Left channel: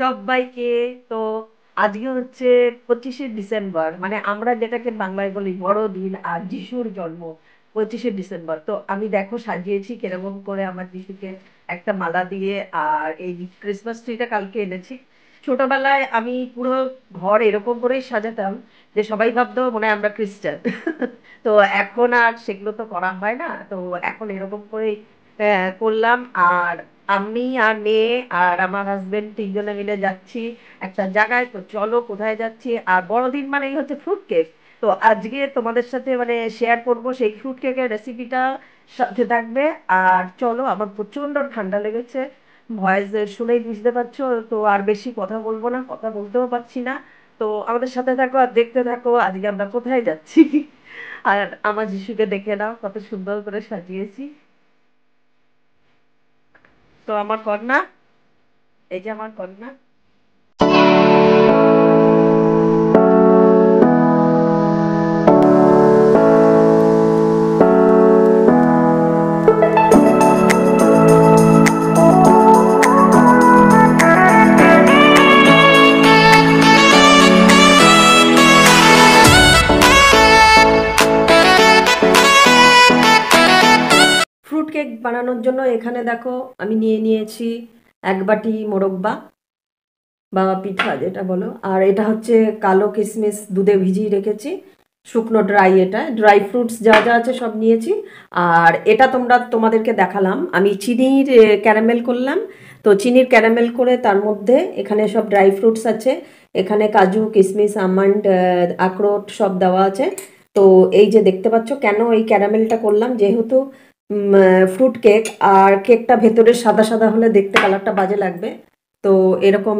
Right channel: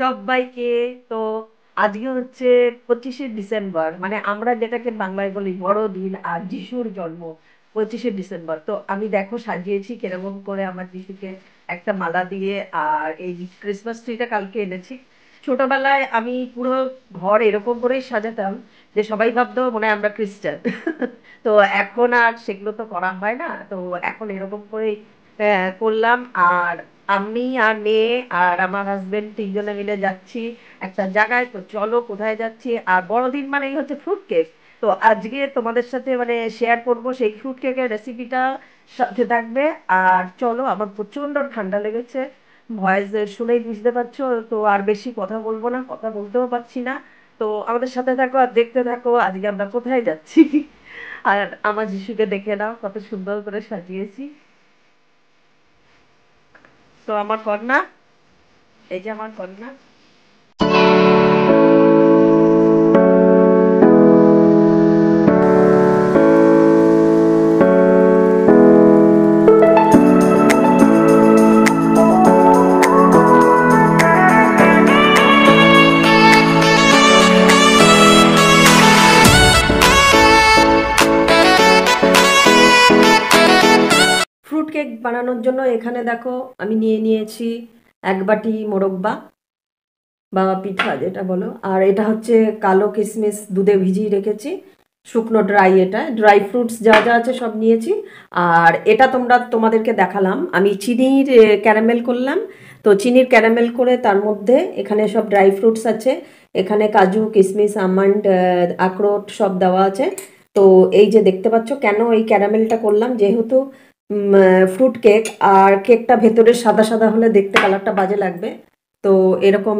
সবাইকে। তো আজকে হচ্ছে 25শে ডিসেম্বর, মানে আমরা যেটাকে বাংলায় বলি বড়দিন, আর যিশুর জন্ম 25শে ডিসেম্বর। তো আমি দেখো সাজিয়েছি কিরকম করে আমার যিশুকে, একটা মালা দিয়ে। আর এই ক্রিসমাস ট্রিটা কালকে এনেছি। ছোটবেলায় আমি পুরো ঘর এরকম করেই সাজাতাম যে সবাই ভাবতো মনে হয় আমরা খ্রিস্টান। তো এখন আর সেগুলো তো করা হয় না, তো এখন এরকম করেই করলাম। আর আমি আর মেয়ে আর আমার হাজবেন্ড তিনজনে মিলে যাচ্ছি একটা জায়গায়। তো চলো কোথায় যাচ্ছি। আর বড়দিন মানেই হচ্ছে ফ্রুট কেক। তো আজকে তোমাদের সাথে মানে শেয়ার করব সেই ফ্রুট কেকের রেসিপিটা, সাথে থাকবে। আর চলো, আমার প্রচন্ড ঠান্ডা লেগেছে, ভয়েস শুনেই বুঝতে পারছো। তো আর বেশি কথা বলবো না, কথা বলতেও পারছি না। তো আমাদের সাথে থাকো আর দেখতে থাকো আজকে আমরা কোথায় যাচ্ছি। আর আমার যিশুকে দেখে নাও কত সুন্দর করে সাজিয়েছি। তো আমার কন্যা, এই যে আমার কন্যা। ফ্রুট কেক বানানোর জন্য এখানে দেখো আমি নিয়ে নিয়েছি এক বাটি মোরব্বা বা পিঠা যেটা বলো। আর এটা হচ্ছে কালো কিশমিশ দুধে ভিজিয়ে রেখেছি, শুকনো ড্রাই, এটা ড্রাই ফ্রুটস যা যা আছে সব নিয়েছি। আর এটা তোমাদেরকে দেখালাম আমি চিনির ক্যারামেল করলাম। তো চিনির ক্যারামেল করে তার মধ্যে এখানে সব ড্রাই ফ্রুটস আছে, এখানে কাজু কিশমিশ আমন্ড আখরোট সব দেওয়া আছে। তো এই যে দেখতে পাচ্ছ কেন এই ক্যারামেলটা করলাম, যেহেতু ফ্রুট কেক, আর কেকটা ভেতরে সাদা সাদা হলে দেখতে কালারটা বাজে লাগবে। তো এরকম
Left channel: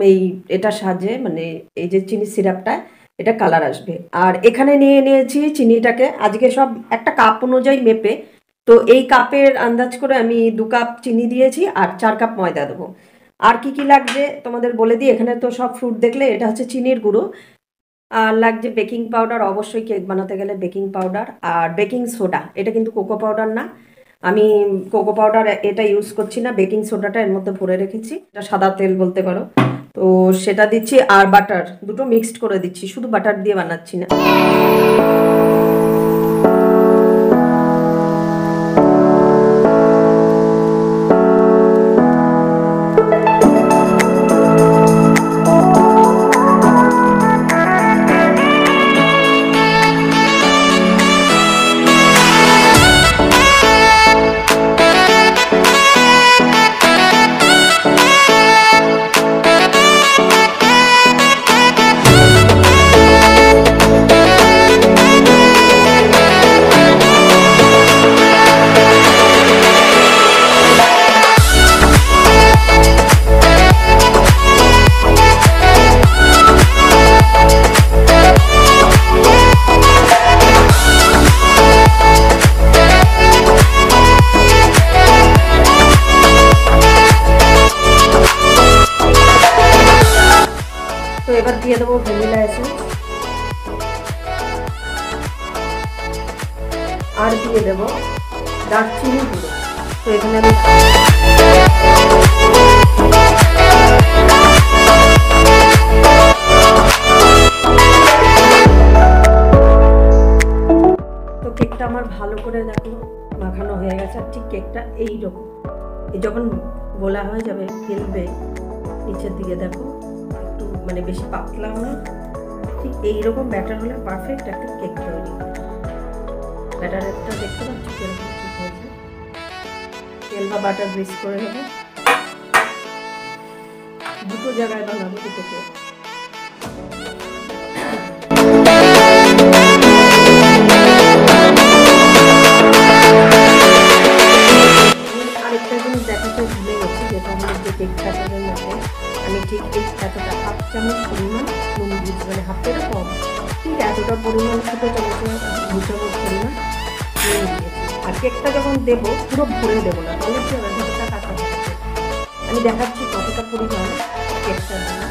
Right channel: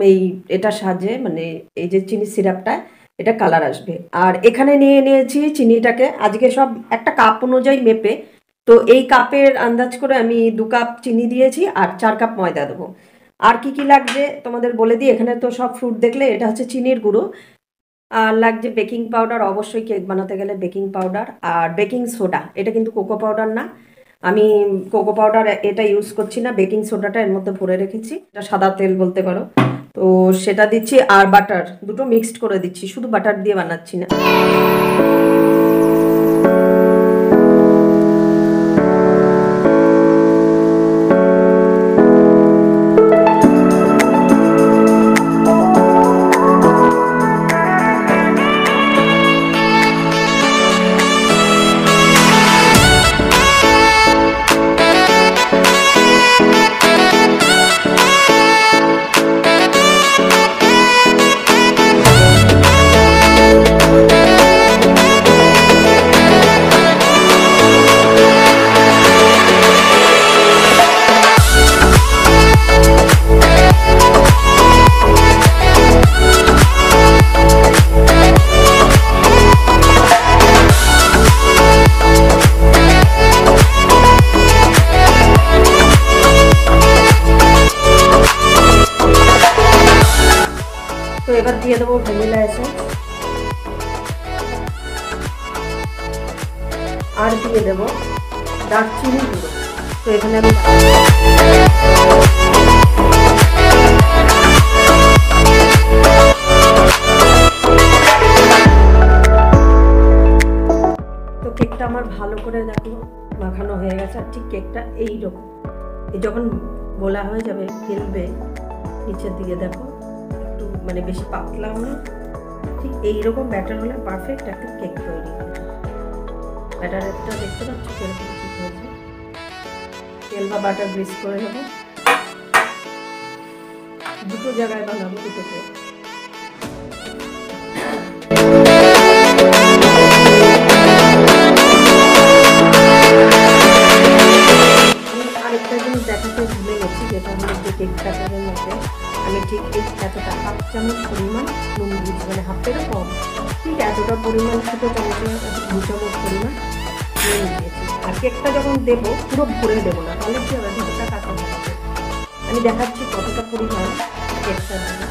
এটা সাজে, মানে এই যে চিনি সিরাপটা, এটা কালার আসবে। আর এখানে নিয়ে নিয়েছি চিনিটাকে আজকে সব একটা কাপ অনুযায়ী মেপে। তো এই কাপের আন্দাজ করে আমি 2 কাপ চিনি দিয়েছি আর 4 কাপ ময়দা দেবো। আর কি কি লাগবে তোমাদের বলে দিই, এখানে তো সব ফ্রুট দেখলে। এটা হচ্ছে চিনির গুঁড়ো, আর লাগছে বেকিং পাউডার, অবশ্যই কেক বানাতে গেলে বেকিং পাউডার, আর বেকিং সোডা। এটা কিন্তু কোকো পাউডার না, আমি কোকো পাউডার এটা ইউজ করছি না, বেকিং সোডাটা এর মধ্যে ভরে রেখেছি, এটা সাদা তেল বলতে পারো। তো সেটা দিচ্ছি, আর বাটার দুটো মিক্সড করে দিচ্ছি, শুধু বাটার দিয়ে বানাচ্ছি না। তো এবার দিয়ে দেবো ভ্যানিলা এসেন্স, আর দিয়ে দেবো দারচিনি গুঁড়ো। তো এখানে আমি তো কেকটা আমার ভালো করে দেখো মাখানো হয়ে গেছে। আর ঠিক কেকটা এইরকম, যখন গোলা হয়ে যাবে ফেলবে নিচের দিকে, দেখো একটু মানে বেশি পাতলা হলে, ঠিক এইরকম ব্যাটার হলে পারফেক্ট একটা কেক তৈরি হবে। ব্যাটারটা দেখতে পাচ্ছ কিরকম ঠিক হয়েছে। তেল বা বাটার গ্রিস করে নেবো, দুটো জায়গায় বানাবো দুটো কেক। আরেকটা জিনিস দেখাতে ভুলে গেছি, যেটা হলো যে কেক ব্যাটারের মধ্যে আমি ঠিক এতটা হাফ চামচ পরিমাণ নুন দিচ্ছি, মানে হাফেরও কম, ঠিক এতটা পরিমাণ, ছোটো চামচে 2 চামচ পরিমাণ নুন দিয়েছি। আর কেকটা যখন দেবো পুরো ভরে দেবো না, তাহলে কি হবে ভেতরটা কাঁচা হবে। আমি দেখাচ্ছি কতটা পরিমাণ কেকটা দেবো।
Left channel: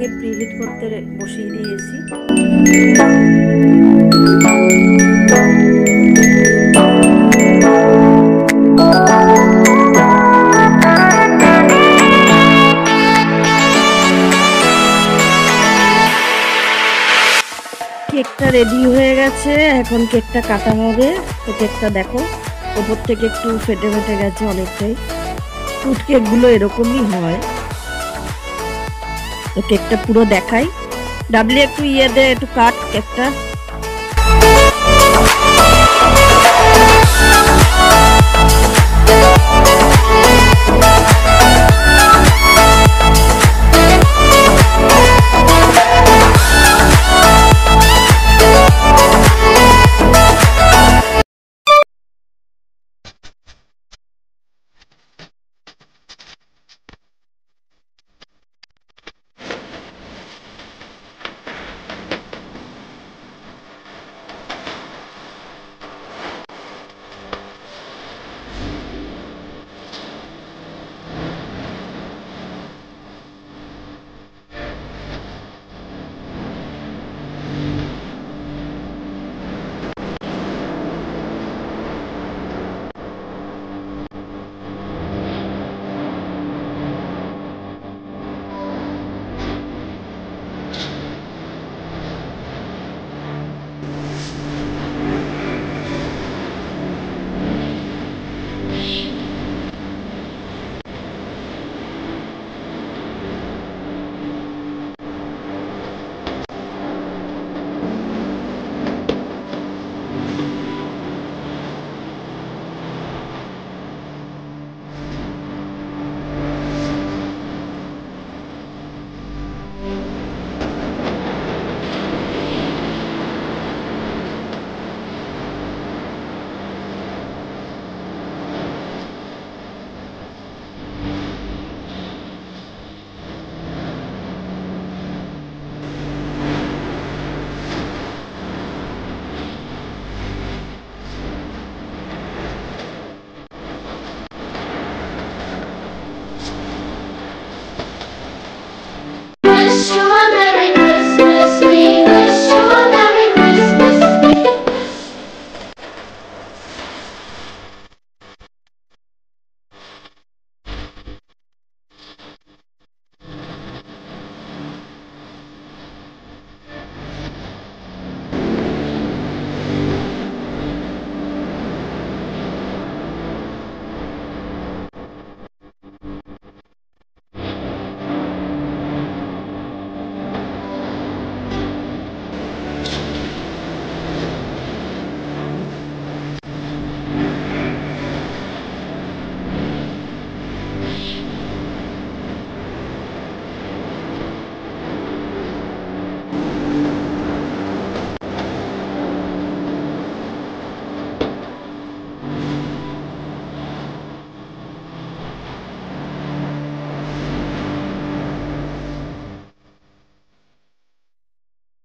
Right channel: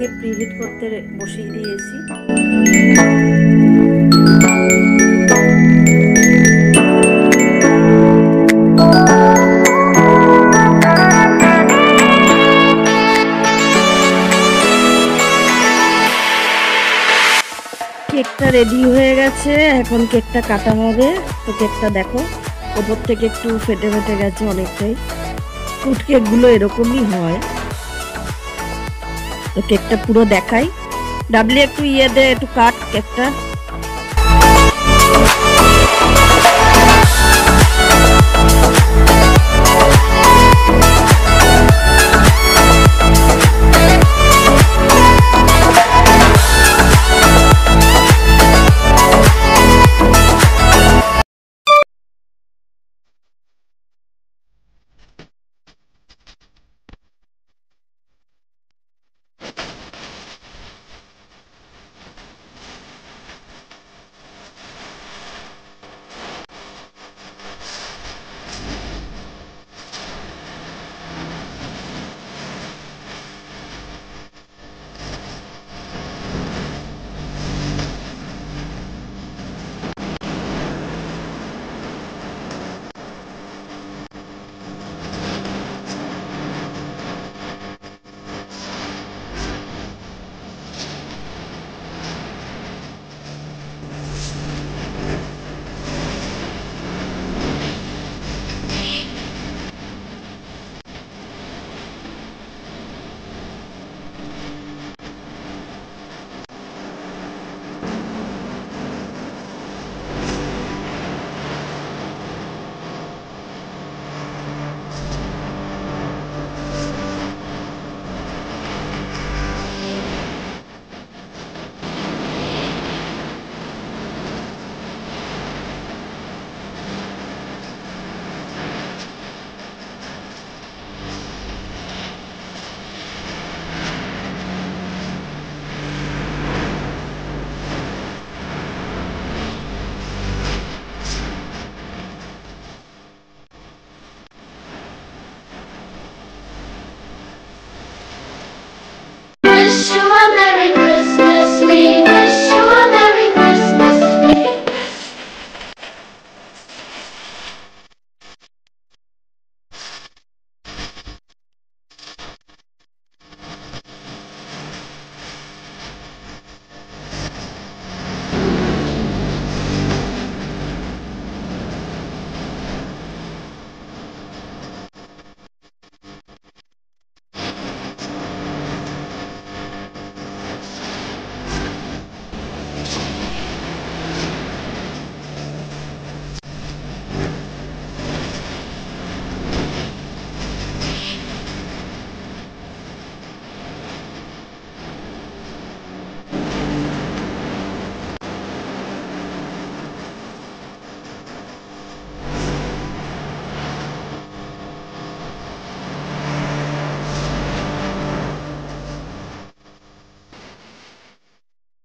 আগে প্রিহিট করতে বসিয়ে দিয়েছি। কেকটা রেডি হয়ে গেছে, এখন কেকটা কাটা হবে। তো কেকটা দেখো ওপর থেকে একটু ফেটে ফেটে গেছে অনেকটাই। ফ্রুট কেকগুলো এরকমই হয়। তো কেকটা পুরো দেখাই। ডাবলি একটু দে, একটু কাট কেকটা।